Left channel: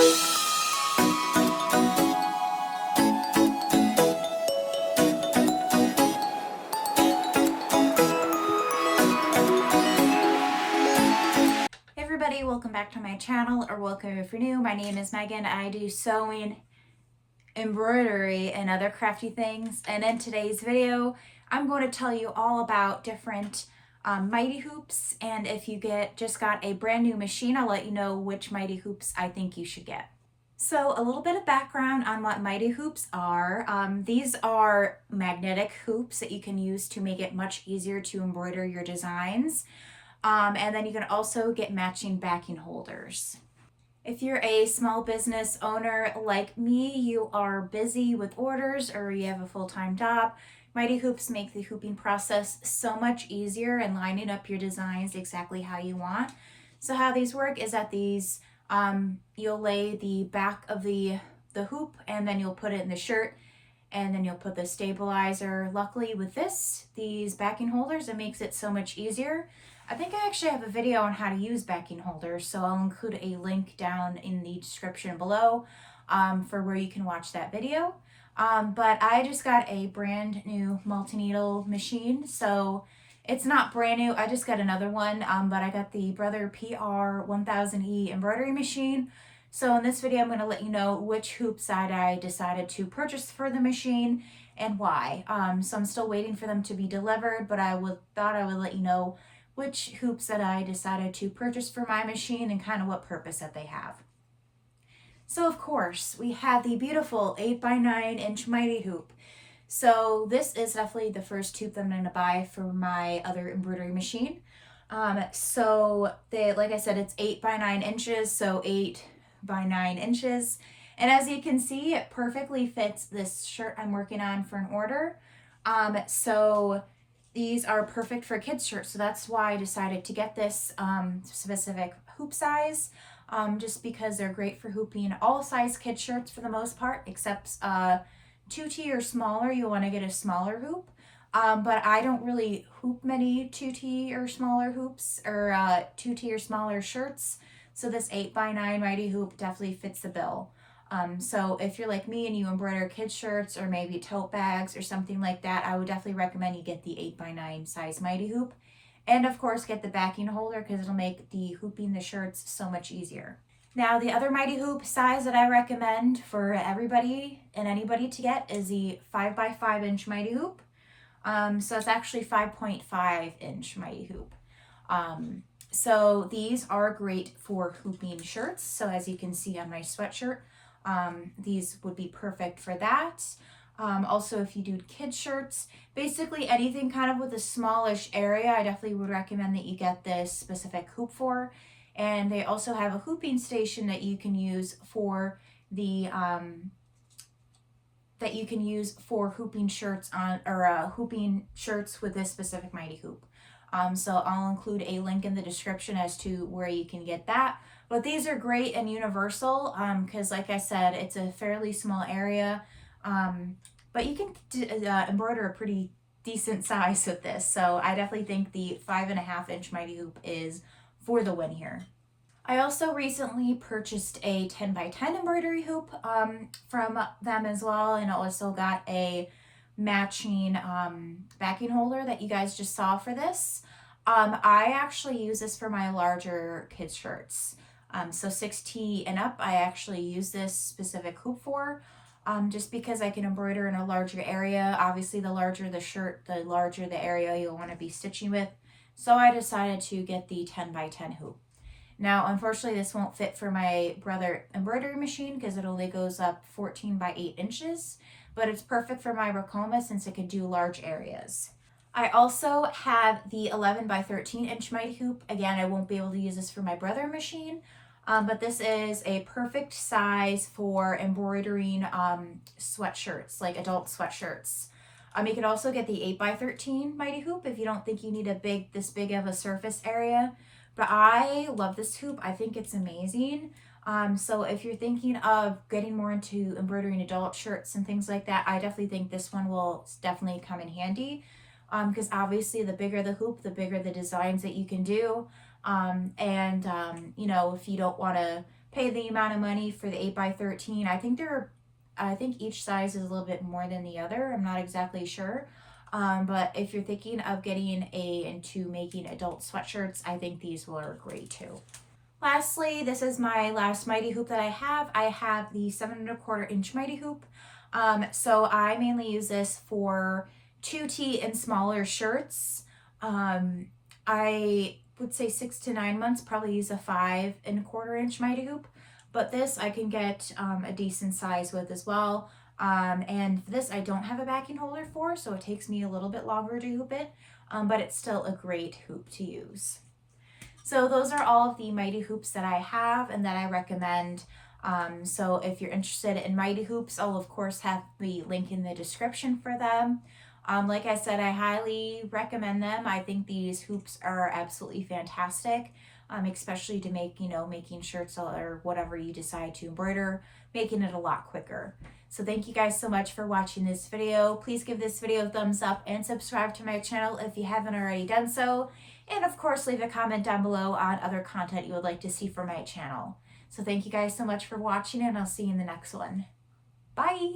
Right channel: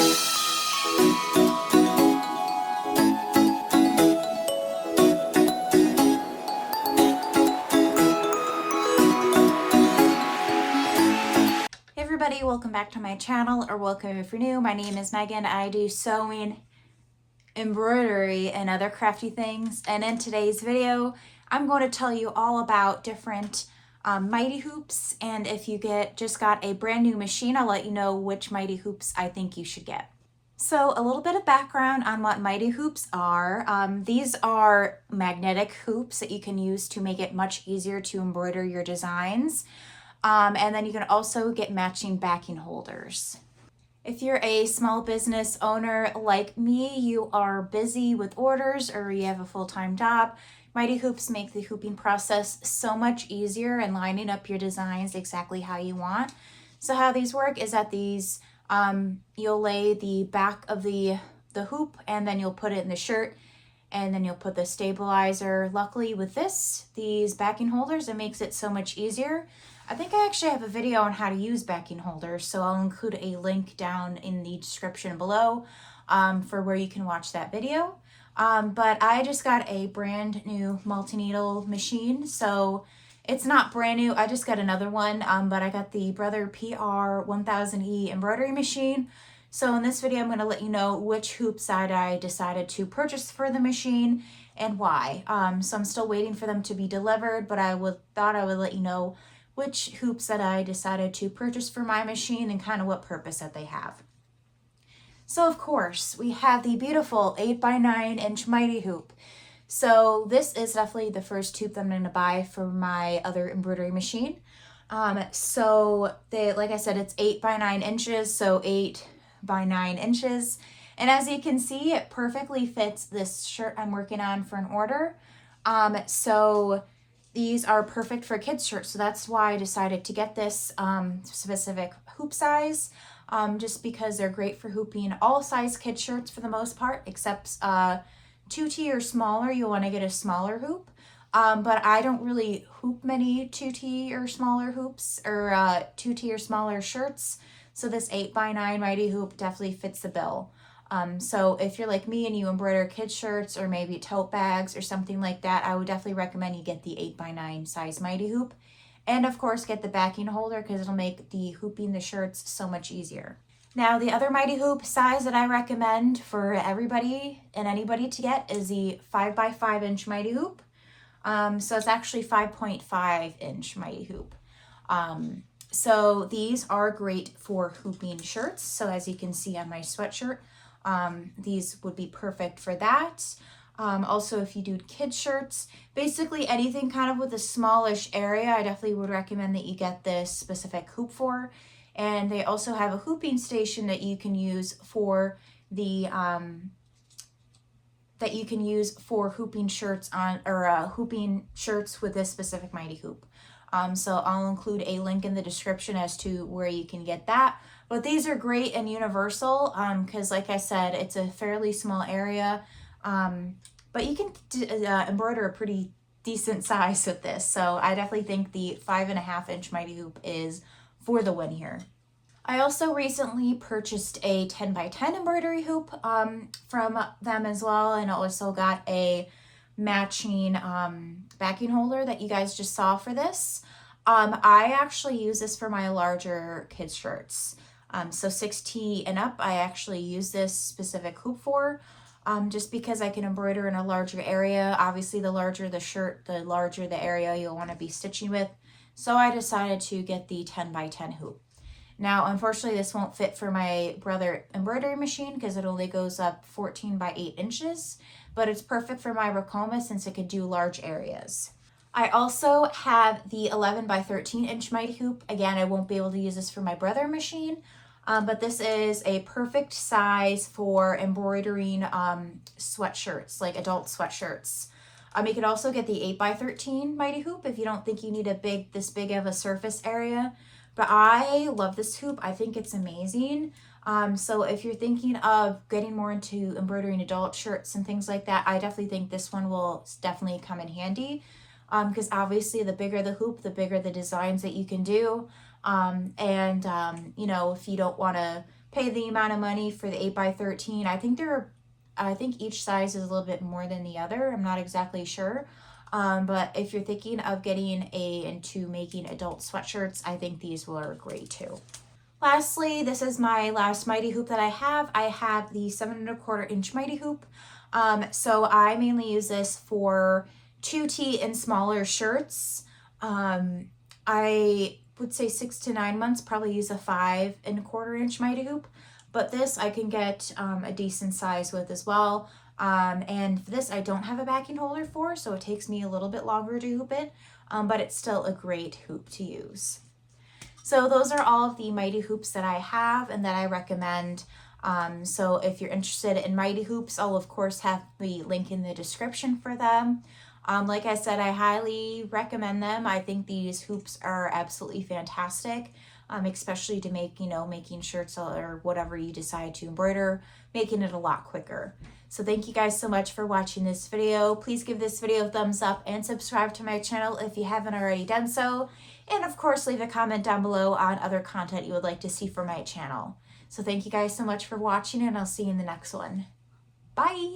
Hey everybody, welcome back to my channel, or welcome if you're new. My name is Megan. I do sewing, embroidery, and other crafty things. And in today's video, I'm going to tell you all about different mighty hoops. And if you just got a brand new machine, I'll let you know which mighty hoops I think you should get. So a little bit of background on what mighty hoops are. These are magnetic hoops that you can use to make it much easier to embroider your designs. And then you can also get matching backing holders. If you're a small business owner like me, you are busy with orders or you have a full-time job, mighty hoops make the hooping process so much easier and lining up your designs exactly how you want. So how these work is that these, you'll lay the back of the hoop and then you'll put it in the shirt and then you'll put the stabilizer. Luckily with these backing holders, it makes it so much easier. I think I actually have a video on how to use backing holders, so I'll include a link down in the description below for where you can watch that video. But I just got a brand new multi-needle machine, so it's not brand new. I just got another one, but I got the Brother PR 1000E embroidery machine. So in this video, I'm going to let you know which hoop side I decided to purchase for the machine and why. So I'm still waiting for them to be delivered, but thought I would let you know which hoops that I decided to purchase for my machine and kind of what purpose that they have. So of course, we have the beautiful 8x9" mighty hoop. So this is definitely the first hoop that I'm going to buy for my other embroidery machine. So like I said, it's 8x9", so 8x9". And as you can see, it perfectly fits this shirt I'm working on for an order. So these are perfect for kids' shirts, so that's why I decided to get this specific hoop size, just because they're great for hooping all size kids' shirts for the most part, except 2T or smaller, you'll want to get a smaller hoop. But I don't really hoop many 2T or smaller hoops, or 2T or smaller shirts, so this 8x9 mighty hoop definitely fits the bill. So if you're like me and you embroider kids shirts or maybe tote bags or something like that, I would definitely recommend you get the 8x9 size mighty hoop. And of course get the backing holder because it'll make the hooping the shirts so much easier. Now the other mighty hoop size that I recommend for everybody and anybody to get is the 5x5" mighty hoop. So it's actually 5.5" mighty hoop. So these are great for hooping shirts. So as you can see on my sweatshirt, these would be perfect for that. Also, if you do kids shirts, basically anything kind of with a smallish area, I definitely would recommend that you get this specific hoop for. And they also have a hooping station that you can use for the hooping shirts on, or hooping shirts with this specific mighty hoop. So I'll include a link in the description as to where you can get that. But these are great and universal because like I said, it's a fairly small area, but you can embroider a pretty decent size with this. So I definitely think the 5.5" mighty hoop is for the win here. I also recently purchased a 10x10 embroidery hoop from them as well, and also got a matching backing holder that you guys just saw for this. I actually use this for my larger kids shirts. So 6T and up, I actually use this specific hoop for, just because I can embroider in a larger area. Obviously, the larger the shirt, the larger the area you'll want to be stitching with. So I decided to get the 10x10 hoop. Now, unfortunately, this won't fit for my Brother embroidery machine because it only goes up 14x8", but it's perfect for my Racoma since it could do large areas. I also have the 11x13" mighty hoop. Again, I won't be able to use this for my Brother machine, but this is a perfect size for embroidering sweatshirts, like adult sweatshirts. You can also get the 8x13 mighty hoop if you don't think you need this big of a surface area. But I love this hoop. I think it's amazing. So if you're thinking of getting more into embroidering adult shirts and things like that, I definitely think this one will definitely come in handy. Because obviously the bigger the hoop, the bigger the designs that you can do. You know, if you don't want to pay the amount of money for the 8x13. I think each size is a little bit more than the other. I'm not exactly sure. But if you're thinking of getting into making adult sweatshirts, I think these will work great too. Lastly, this is my last mighty hoop that I have. I have the 7¼ inch mighty hoop. So I mainly use this for 2T and smaller shirts. I would say 6 to 9 months, probably use a 5¼ inch mighty hoop. But this I can get a decent size with as well. And for this I don't have a backing holder for, so it takes me a little bit longer to hoop it, but it's still a great hoop to use. So those are all of the mighty hoops that I have and that I recommend. So if you're interested in mighty hoops, I'll of course have the link in the description for them. Like I said, I highly recommend them. I think these hoops are absolutely fantastic, especially to make, making shirts or whatever you decide to embroider, making it a lot quicker. So thank you guys so much for watching this video. Please give this video a thumbs up and subscribe to my channel if you haven't already done so. And of course, leave a comment down below on other content you would like to see from my channel. So thank you guys so much for watching, and I'll see you in the next one. Bye!